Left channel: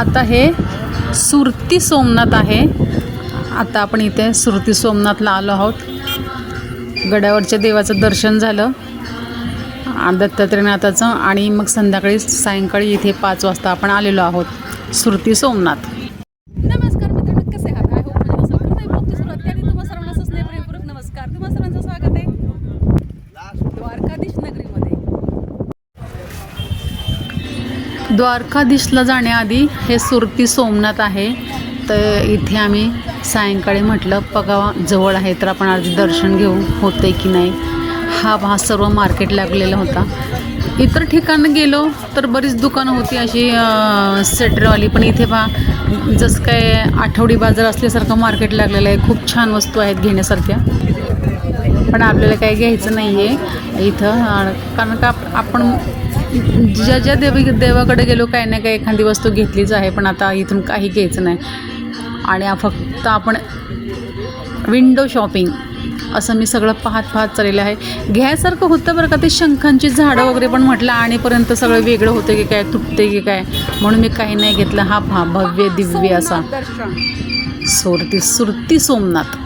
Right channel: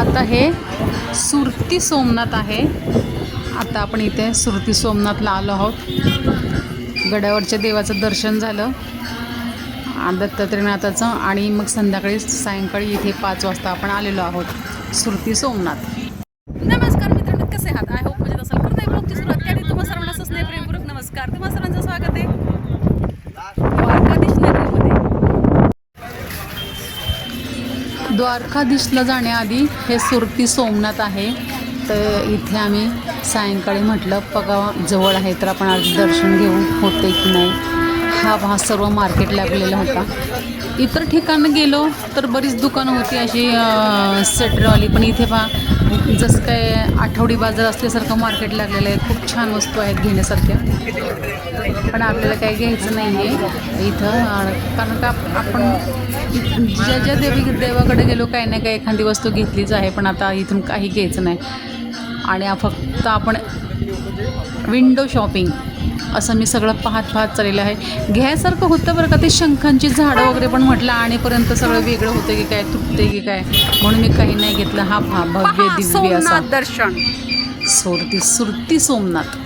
आता हे सुरती सोमनाथ आहे। आता आपण इथे सुरती सोमनाथला आलो आहोत। गडावरच्या देवाचं दर्शन झालं दत्तात्रेयनाथाचं आणि मग सायंकाळी इथे 5 वाजता आपण आलेलो आहोत सुरती सोमनाथ। नमस्कार मित्रांनो, कसे आहात? आय होप मजेत असाल। करताय ब्लॉगची सुरुवात त्याआधी तुम्हा सर्वांना स्नेहपूर्वक नमस्कार। तुम्हा सर्वांचं स्वागत आहे द्वारकाधीश नगरीमध्ये। द्वारकाधीशला जाण्याआधी हे सुरती सोमनाथ आहे। तर इथे आम्ही सायंकाळी म्हटलं बघावा जवळ आहे तर आपण आज दर्शन घेऊ होते की नाही। हा सर्व मार्केट लागलेला होता। इतर ठिकाणी गेलो तर बरीच दुकानं होती अशी सेटरवाली, पण इथे जसं काय आठवडी बाजार असल्यासारखं मार्केट लागलेलं आहे। खूप छान वस्तू आहेत घेण्यासारख्या, पण आपल्याला काही घ्यायचं नाही आहे इथं, कारण का आपण ज्या देवाकडे गेलो काही ना काही एखादी वस्तू घेतलीच आहे, पण आता इथून काही घ्यायचं नाही। आणि फक्त आपण विंडो शॉपिंग असं मी सगळं पाहत चाललेलं आहे। घ्यायसारखं होतं बरं का, ते शंखांची झाडं वगैरे, पण म्हटलं आणेपर्यंत सगळं वेगळं होतं की काय, तुटते की काय, म्हणून मी काही नाही घेतलं। हा भव्य दिव्य असा दर्शन सुरती सोमनाथ।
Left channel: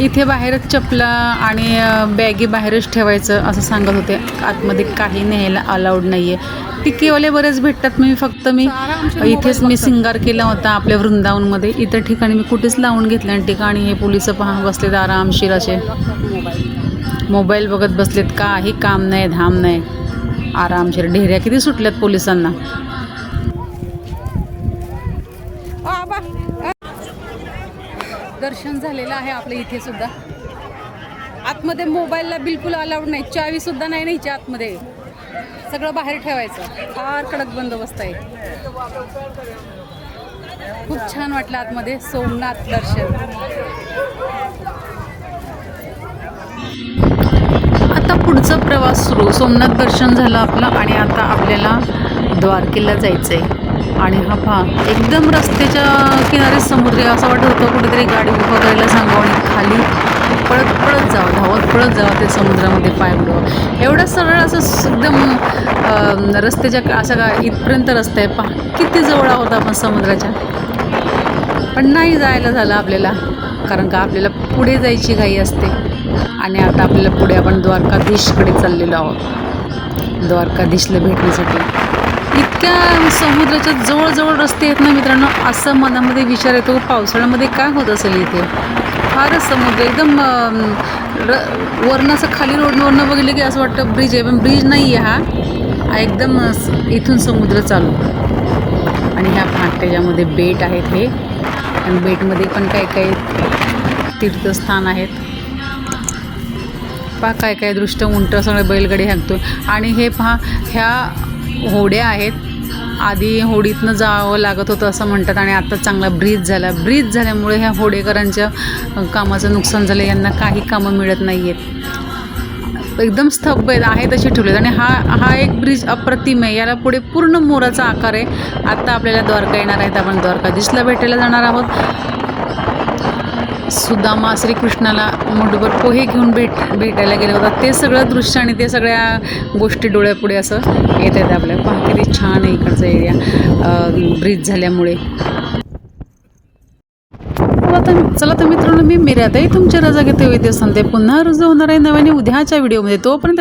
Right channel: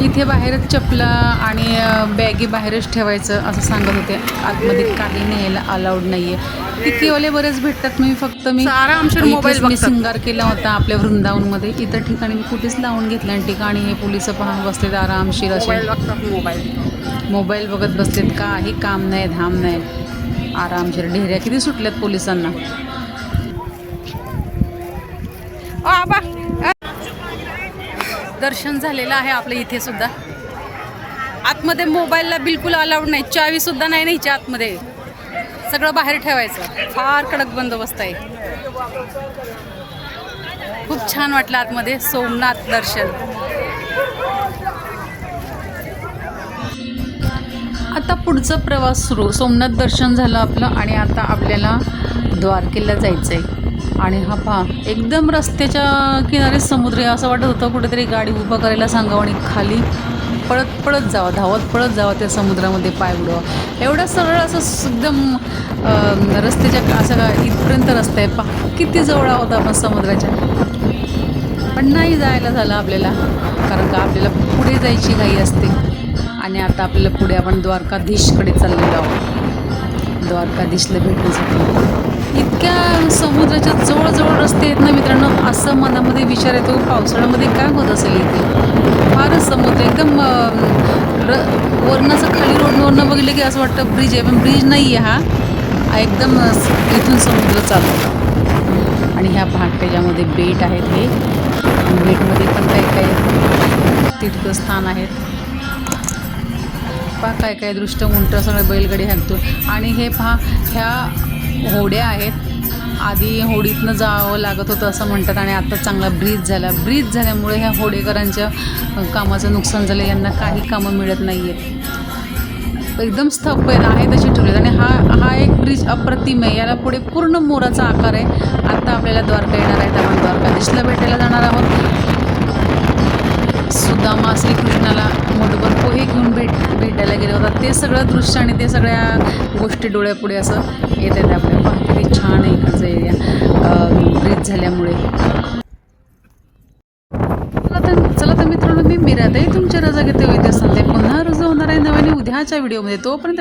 इथे बाहेरच चपला आणि बॅगी बाहेरच ठेवायचं असं सांगत होते। आतमध्ये काही न्यायला अलाउड नाही आहे। टिकेवाले बरेच भेटतात। मी इथेच मी सिंगार केला होता आपल्या वृंदावनमध्ये। इतर ठिकाणी मी कुठेच लावून घेतल्या ठिकाणी हे पोलिस बसलेत आरामशीर असे मोबाईल बघत बसलेत। काही काम नाही धाम नाही, आरामशीर। ढेऱ्या किती सुटल्यात पोलिसांना। दर्शन झालेलं आहे आपलं इथे सुद्धा। आतमध्ये मोबाईलला बिलकुल अलाउड नाही, चावी सुद्धा नाही न्यायची आतमध्ये, सगळं बाहेर ठेवायचं। फार कडक बंदोबस्त आहे। खूप छान वाटलं आतमध्ये सोमनाथ दर्शन। आता पुढचा प्रवास सुरू। सोमनाथ दर्शन झालं आपलं आणि आता आपल्याला द्वारकेला जायचं आहे। आणि हा पहा एकदम रस्त्याच्या किनारे समुद्र आहे। असं वाटत होतं कुठेतरी गाडी उभं करायला सांगावं आणि खाली पळत जावं, धावत पळत जावं ते समुद्रामध्ये पाय बुडवावं। एवढं सरळ असं एकदम रस्त्याच्या असं का इथपर्यंत रस्ता आहे। पहा किती जवळ आहोत आपण समुद्राच्या, पण नाही जायला झालं आपल्याला, कारण का आपल्याला पुढे जायची घाई असते। आणि आता आपल्याला पुढे आपण द्वारकाधीशकडे चाललेलो आहोत, द्वारकाधीशला भेटण्यासाठी। इतक्या समुद्राच्या जवळ रस्ते आहेत ना मित्रांनो, असं मनामध्ये विचार येतो पावसाळ्यामध्ये काय होत असेल इथे। फारच समुद्र एकदम वरनं असं खाली रोडवरनं बघितलं की असं वाटतं ब्रिज आहे, पण ब्रिज नाही आहे हा, एकदम इथून समुद्र चालू। आणि ह्या त्याच्यामध्ये बेट आहेत हे, आणि बेटमध्ये पण काही तीर्थस्थान आहेत। पहा काय दृष्ट उंट सगळे बैलगाडी हाकतो। आणि हे पहा ह्या होड्या आहेत। आधी होडीतनं जावं लागत होतं असं म्हणतात, आणि आता चांगला ब्रिज झाल्यामुळे ह्या होडेकरांच्या कामाचं नुकसान झालं। यांना काही कामं मिळत नाही आहेत, एकदम स्तब्ध आहेत असे ठेवलेत। आणि हा एक ब्रिज अप्रतिम आहे, याला पुढे पूर्ण मोराचा आकार आहे। आता आपल्याला द्वारका येणार आहेत, आपण द्वारकाधीशला भेटायला जाणार आहोत। सुदामा श्रीकृष्णाला मुठभर पोहे घेऊन भेटायला गेले होता, ते सगळं दृश्य आणि ते सगळ्या गोष्टी डोळ्यापुढे असं येत आहेत आपल्या। पहा किती छान आहे इकडचा एरिया ब्रिज झाल्यामुळे। चला तर मित्रांनो, मी मीराताई तुमची रजा घेते। विद्या संध्या पुन्हा रुजू होणार आहे नव्याने उद्याच्या व्हिडिओमध्ये। तोपर्यंत